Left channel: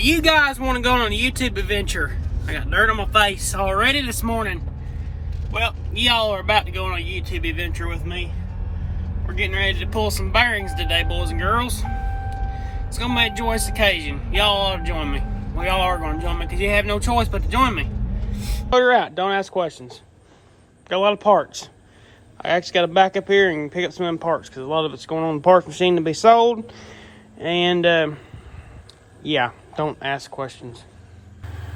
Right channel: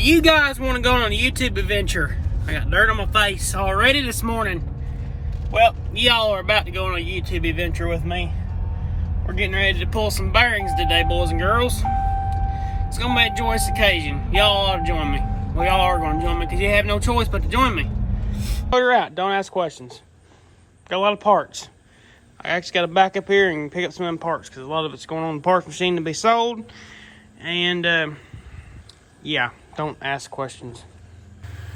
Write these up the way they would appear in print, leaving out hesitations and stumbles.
You guys want to go on a YouTube adventure? I got dirt on my face already this morning. Well, y'all are about to go on a YouTube adventure with me. We're getting ready to pull some bearings today, boys and girls. It's going to be a joyous occasion. Y'all ought to join me. We all are going to join me because you have no choice but to join me. You're out. Don't ask questions. Got a lot of parts. I actually got to back up here and pick up some of them parts because a lot of it's going on the parts machine to be sold. And, yeah, don't ask questions.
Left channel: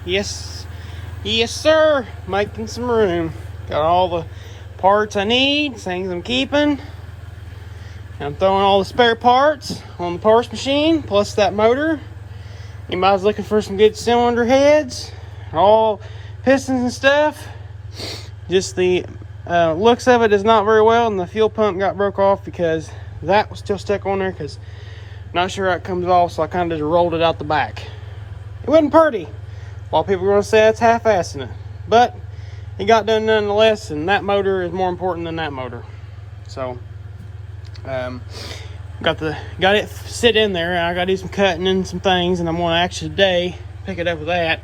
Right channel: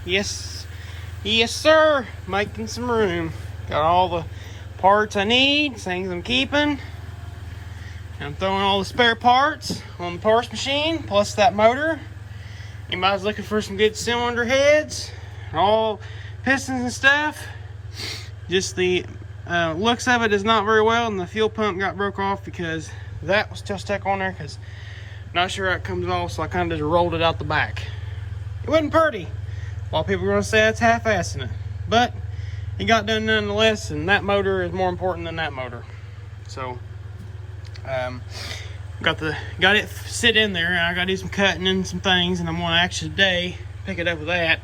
Yes, sir. Making some room. Got all the parts I need, things I'm keeping. I'm throwing all the spare parts on the parts machine, plus that motor. Anybody's looking for some good cylinder heads, all pistons and stuff. Just the looks of it is not very well, and the fuel pump got broke off because that was still stuck on there because not sure how it comes off, so I kind of just rolled it out the back. It wasn't pretty. A lot of people are going to say that's half-assing it, but it got done nonetheless, and that motor is more important than that motor. So, got it sit in there. I got to do some cutting and some things, and I'm going to actually today pick it up with that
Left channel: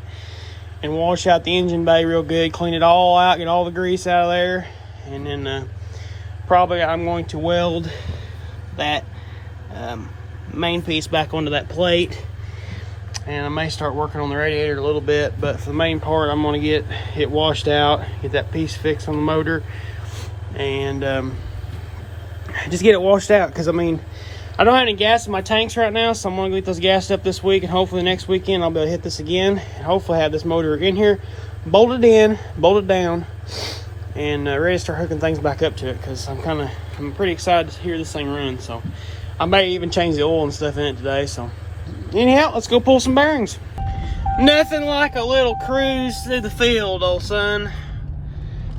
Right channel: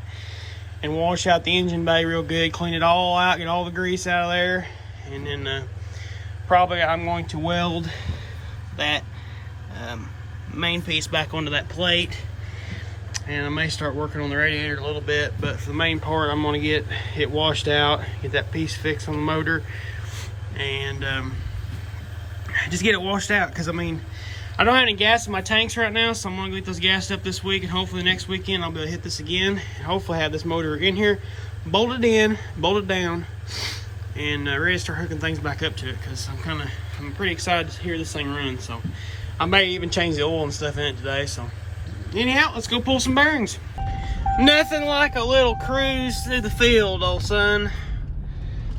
and wash out the engine bay real good, clean it all out, get all the grease out of there, and then probably I'm going to weld that main piece back onto that plate, and I may start working on the radiator a little bit, but for the main part I'm going to get it washed out, get that piece fixed on the motor, and just get it washed out, because I mean I don't have any gas in my tanks right now, so I'm going to get those gassed up this week, and hopefully next weekend I'll be able to hit this again, and hopefully have this motor in here bolted in, bolted down, and ready to start hooking things back up to it, because I'm pretty excited to hear this thing run. So I may even change the oil and stuff in it today. So anyhow, let's go pull some bearings. Nothing like a little cruise through the field, old son.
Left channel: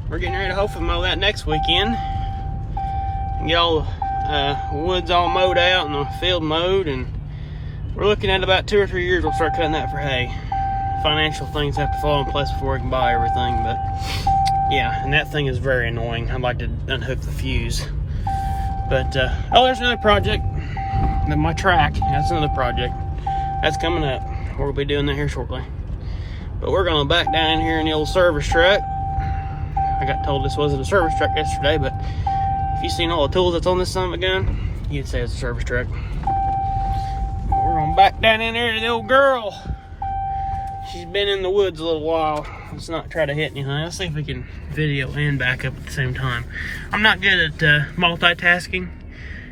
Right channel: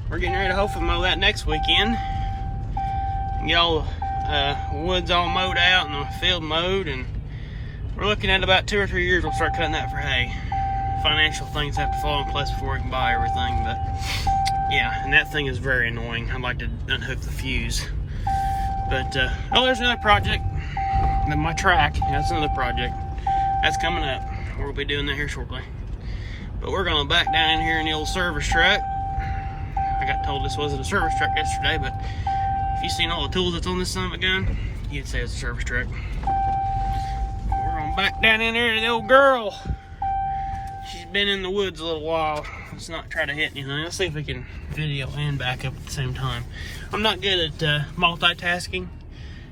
We're getting ready to hopefully mow that next weekend and get all the woods all mowed out and the field mowed, and we're looking at about 2 or 3 years we'll start cutting that for hay. Financial things have to fall in place before we can buy everything, but yeah, and that thing is very annoying. I'd like to unhook the fuse. But, oh, there's another project. My track, that's another project. That's coming up. We'll be doing that here shortly. But we're going to back down here in the old service truck. I got told this wasn't a service truck yesterday, but if you've seen all the tools that's on this son of a gun, you'd say it's a service truck. We're going to back down in there to the old girl. She's been in the woods a little while. Let's not try to hit anything. Let's see if we can video and back up at the same time. I'm not good at multitasking,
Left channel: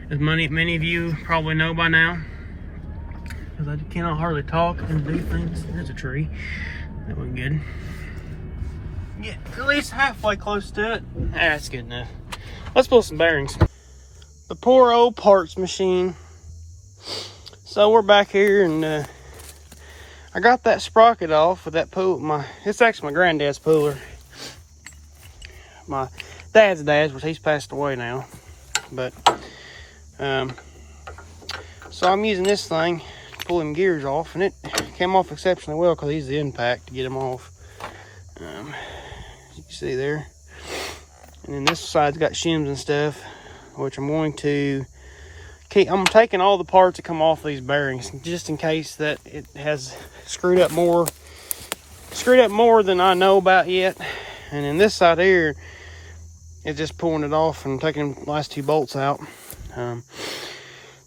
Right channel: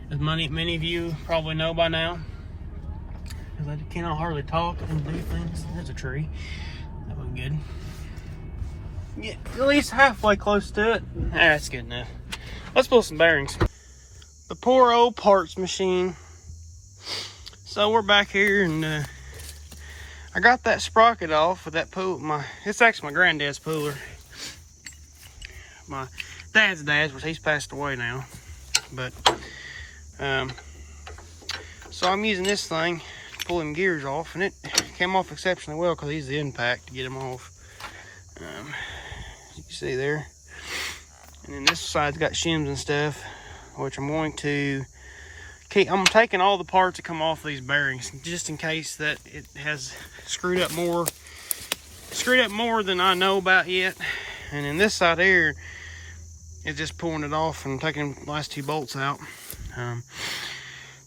as many of you probably know by now, because I cannot hardly talk and do things. There's a tree. That went good. Get at least halfway close to it. That's good enough. Let's pull some bearings. The poor old parts machine. So we're back here, and I got that sprocket off with that pull. It's actually my granddad's puller. My dad's, but he's passed away now. But so I'm using this thing to pull them gears off, and it came off exceptionally well because I used the impact to get them off. You can see there. And then this side's got shims and stuff, which I'm going to keep. I'm taking all the parts that come off these bearings just in case that it has screwed up more than I know about yet. And then this side here is just pulling it off and taking the last 2 bolts out.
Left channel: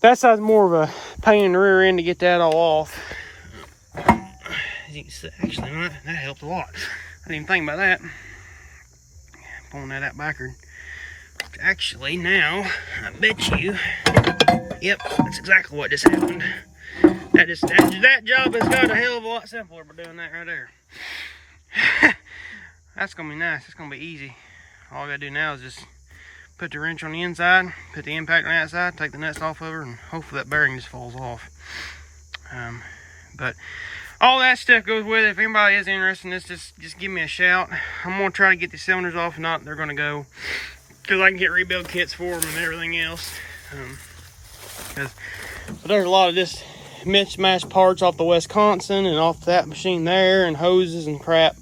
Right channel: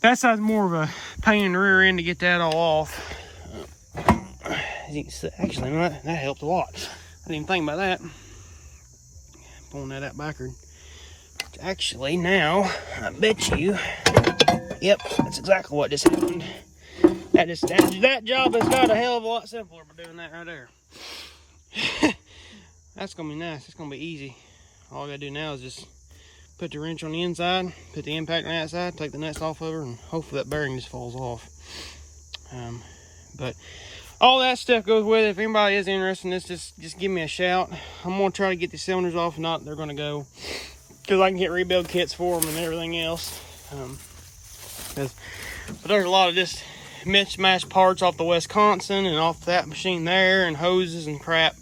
That side's more of a pain in the rear end to get that all off. As you can see, actually, that helped a lot. I didn't even think about that. Pulling that out backward. Actually, now, I bet you, yep, that's exactly what just happened. That job has got a hell of a lot simpler by doing that right there. That's gonna be nice. It's gonna be easy. All I gotta do now is just put the wrench on the inside, put the impact on the outside, take the nuts off of her, and hopefully that bearing just falls off. But all that stuff goes with it. If anybody is interested in this, just give me a shout. I'm gonna try to get the cylinders off. If not, they're gonna go, because I can get rebuild kits for them and everything else. But there's a lot of just mismatched parts off the Wisconsin and off that machine there, and hoses and crap.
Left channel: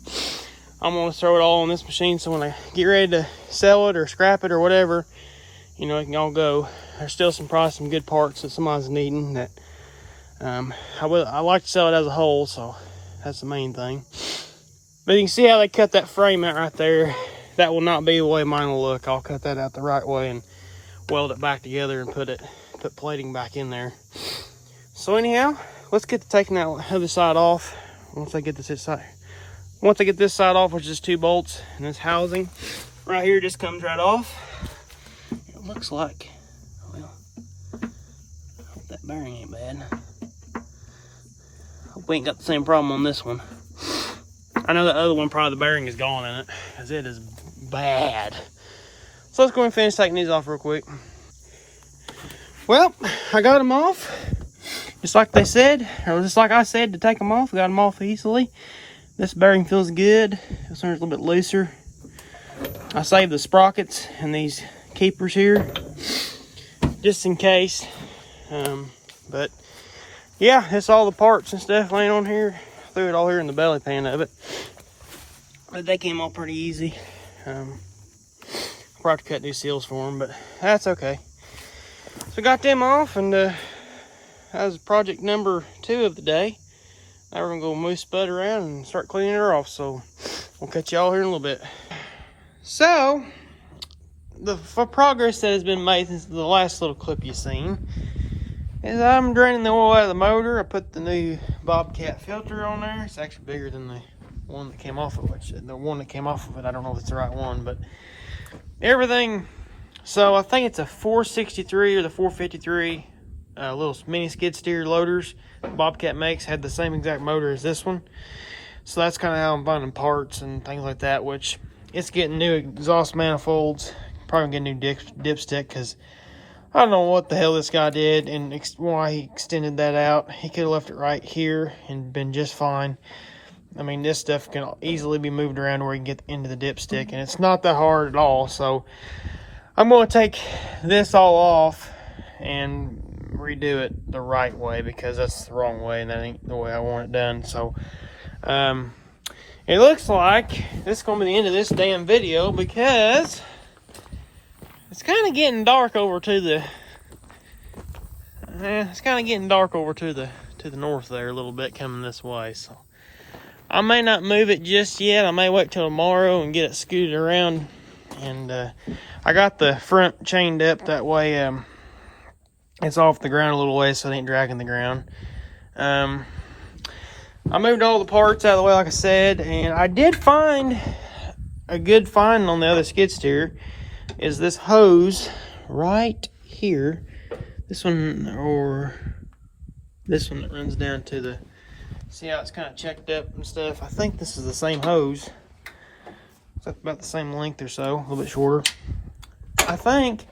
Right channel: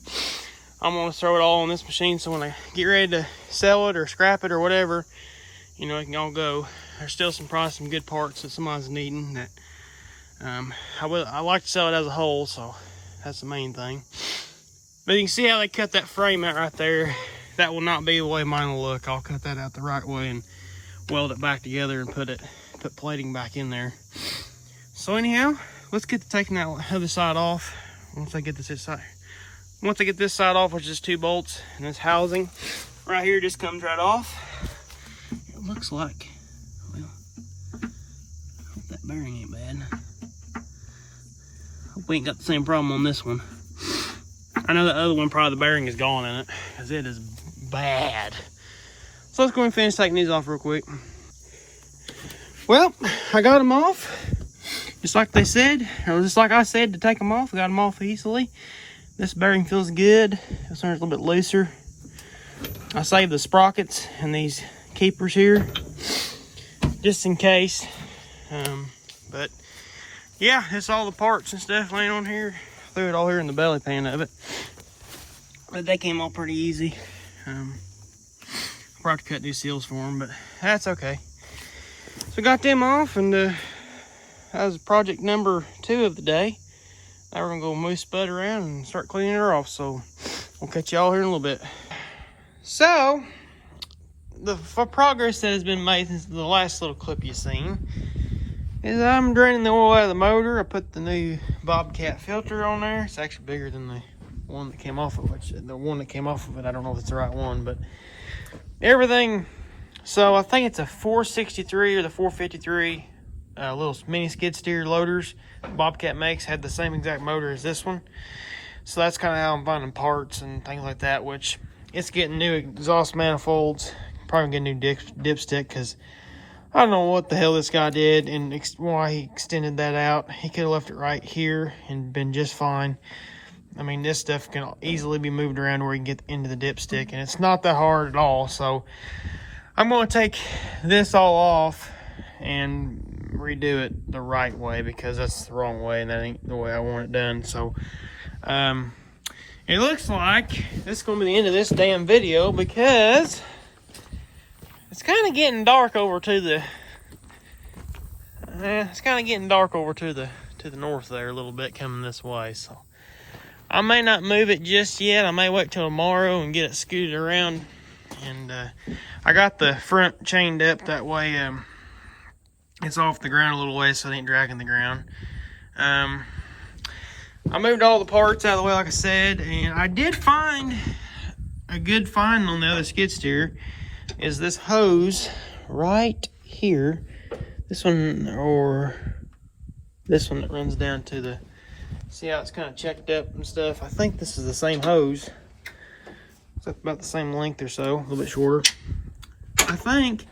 I'm gonna throw it all on this machine, so when I get ready to sell it or scrap it or whatever, you know, it can all go. There's still some good parts that somebody's needing that I like to sell it as a whole, so that's the main thing. But you can see how they cut that frame out right there. That will not be the way mine will look. I'll cut that out the right way and weld it back together and put plating back in there. So anyhow, let's get to taking that other side off. Once I get this side off, which is 2 bolts, and this housing right here just comes right off. It looks like, well, I hope that bearing ain't bad. Hope we ain't got the same problem on this one. I know that other one, probably the bearing is gone in it, because it is bad. So let's go and finish taking these off real quick. Well, I got them off. Just like they said, or just like I said to take them off. Got them off easily. This bearing feels good. This one's a little bit looser. I saved the sprockets and these keepers here, just in case. But yeah, it's all the parts and stuff laying on here. Threw it all here in the belly pan of it. But they came all pretty easy. Probably have to cut new seals for them, but that's okay. So got them off, and that was project number 2 of the day. Now we're gonna go move Spud around and start cleaning her off. So we'll catch y'all here in a little bit. So the progress that has been made since the last little clip you've seen is I'm draining the oil out of the motor. I put the new Bobcat filter on there. It's actually bigger than the one that came off of it. The one that came off of it, I don't know if it's the right one, but everything. So I think it's a 463 or the 453 little mini skid steer loaders Bobcat makes, had the same exact motor as this one. So that's kind of how I'm finding parts and things like that, which it's getting new exhaust manifolds. Probably get a new dipstick, because I don't know what the hell this guy did and why he extended that out. He could have left it right here and been just fine. I mean, this stuff can easily be moved around where you can get into the dipstick, and it's not that hard at all. So I'm going to take this all off and redo it the right way, because that's the wrong way and that ain't the way I want it done. So it looks like this is going to be the end of this damn video, because it's kind of getting dark over to the north there a little bit coming this way. So I may not move it just yet. I may wait till tomorrow and get it scooted around. And I got the front chained up that way. It's off the ground a little way, so it ain't dragging the ground. I moved all the parts out of the way, like I said, and I did find a good find on the other skid steer. Is this hose right here? This one, or this one that runs down to the, see how it's kind of checked up and stuff. I think this is the same hose. It's about the same length or so, a little bit shorter. I think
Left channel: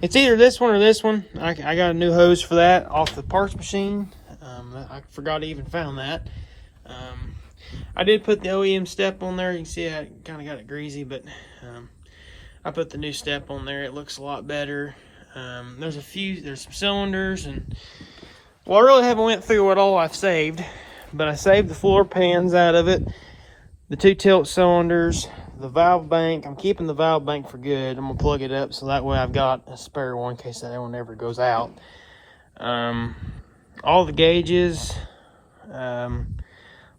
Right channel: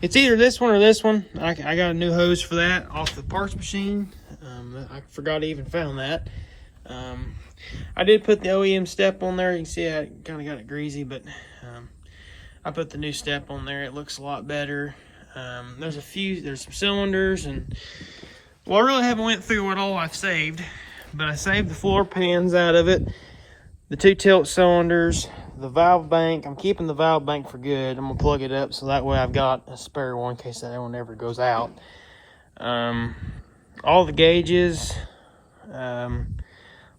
it's either this one or this one. I got a new hose for that off the parts machine. I forgot I even found that. I did put the OEM step on there. You can see I kind of got it greasy, but I put the new step on there. It looks a lot better. There's some cylinders, and well, I really haven't went through what all I've saved, but I saved the floor pans out of it, the 2 tilt cylinders, the valve bank. I'm keeping the valve bank for good. I'm gonna plug it up so that way I've got a spare one in case that one ever goes out. All the gauges,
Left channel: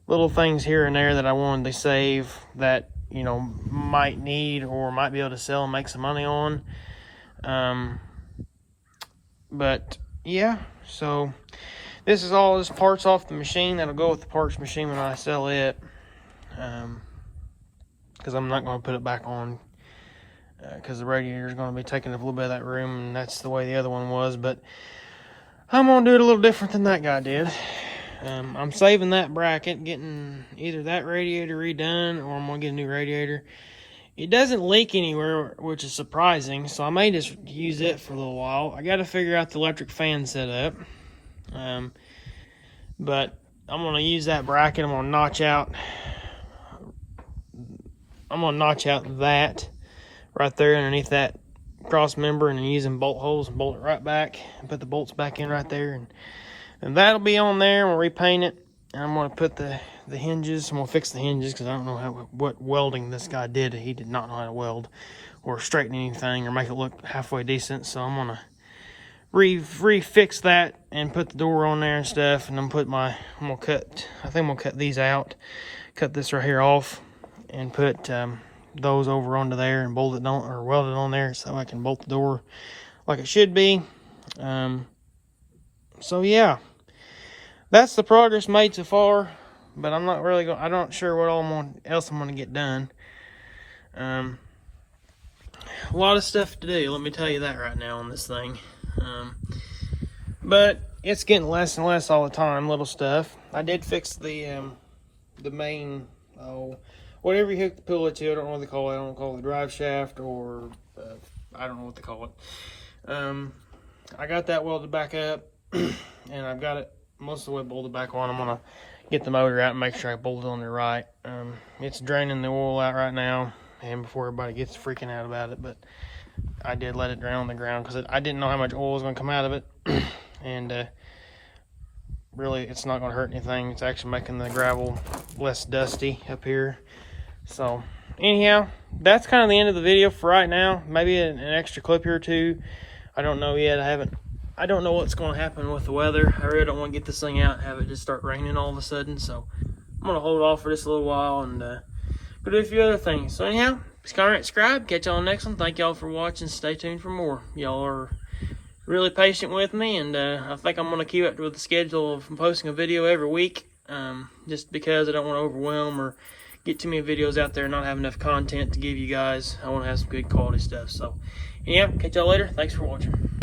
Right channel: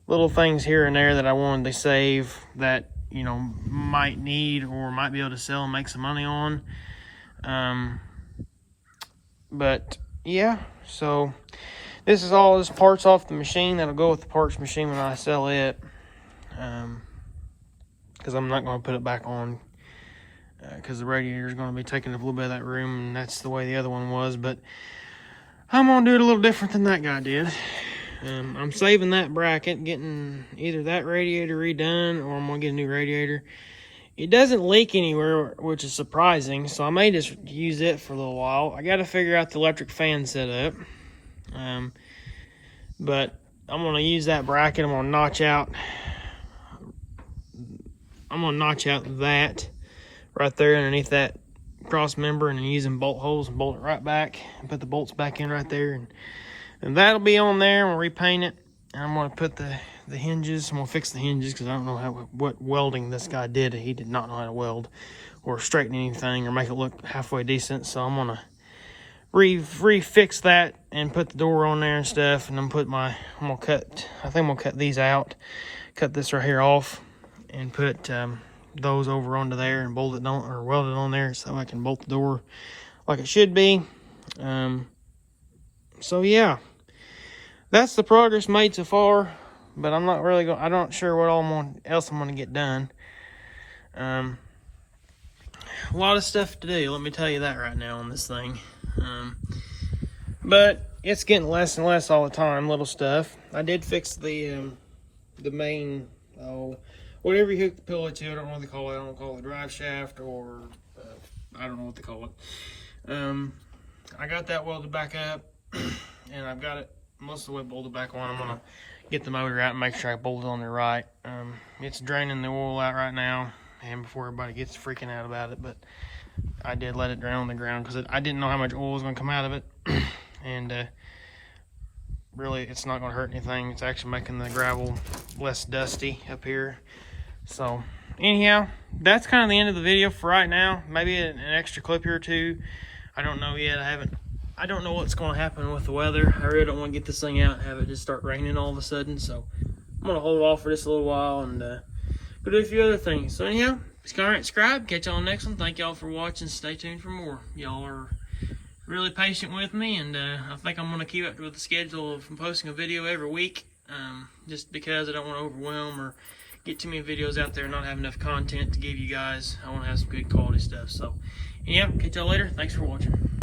little things here and there that I wanted to save that, you know, might need or might be able to sell and make some money on. But yeah, so this is all this parts off the machine that'll go with the parts machine when I sell it. Because I'm not going to put it back on, because the radiator is going to be taking up a little bit of that room, and that's the way the other one was. But I'm going to do it a little different than that guy did. I'm saving that bracket, getting either that radiator redone, or I'm going to get a new radiator. It doesn't leak anywhere, which is surprising, so I may just use it for a little while. I got to figure out the electric fan setup. But I'm going to use that bracket. I'm going to notch out that right there underneath that cross member, and then using bolt holes and bolt it right back and put the bolts back in right there, and that'll be on there. We'll repaint it, and I'm going to put the hinges. I'm going to fix the hinges, because I don't know what welding this guy did. He did not know how to weld or straighten anything or make it look halfway decent, so I'm going to refix that and put the door on there and stuff. And I think I'm gonna cut these out, cut this right here off, and put those over onto there and bolt it on, or weld it on there, so I can bolt the door like it should be. So yeah, that's the progress made so far. But I'm not sure what else I'm gonna get done. A lot of stuff to do, let me tell you that right now on this thing. But it's getting less and less all the time, little stuff. I did fix the main, whatever you hook the pillow to. I don't know what they call it. I don't call it the drive shaft, or I don't know what they call it. I got that welded back up, and I've got it most of the way bolted back on. I'm gonna get the motor out and make sure I bolt it on there right. It's draining the oil out right now, and before everybody gets freaking out about it, but I did let it drain on the ground because I didn't know how much oil was going to come out of it. And really, it's not going to hurt anything. It's actually making the gravel less dusty up here. So anyhow, that's kind of the end of the video for right now. Maybe an extra clip here or two. I don't know yet. I don't know what's going to happen with the weather. I really don't want to get this thing out and have it just start raining all of a sudden. So I'm going to hold off for just a little while and go do a few other things. So anyhow, comment, subscribe. Catch y'all on the next one. Thank y'all for watching. Stay tuned for more. Y'all are really patient with me, and I think I'm going to keep up with the schedule of posting a video every week, just because I don't want to overwhelm or get too many videos out there and not have enough content to give you guys. I want to have some good quality stuff. So, yeah, catch y'all later. Thanks for watching.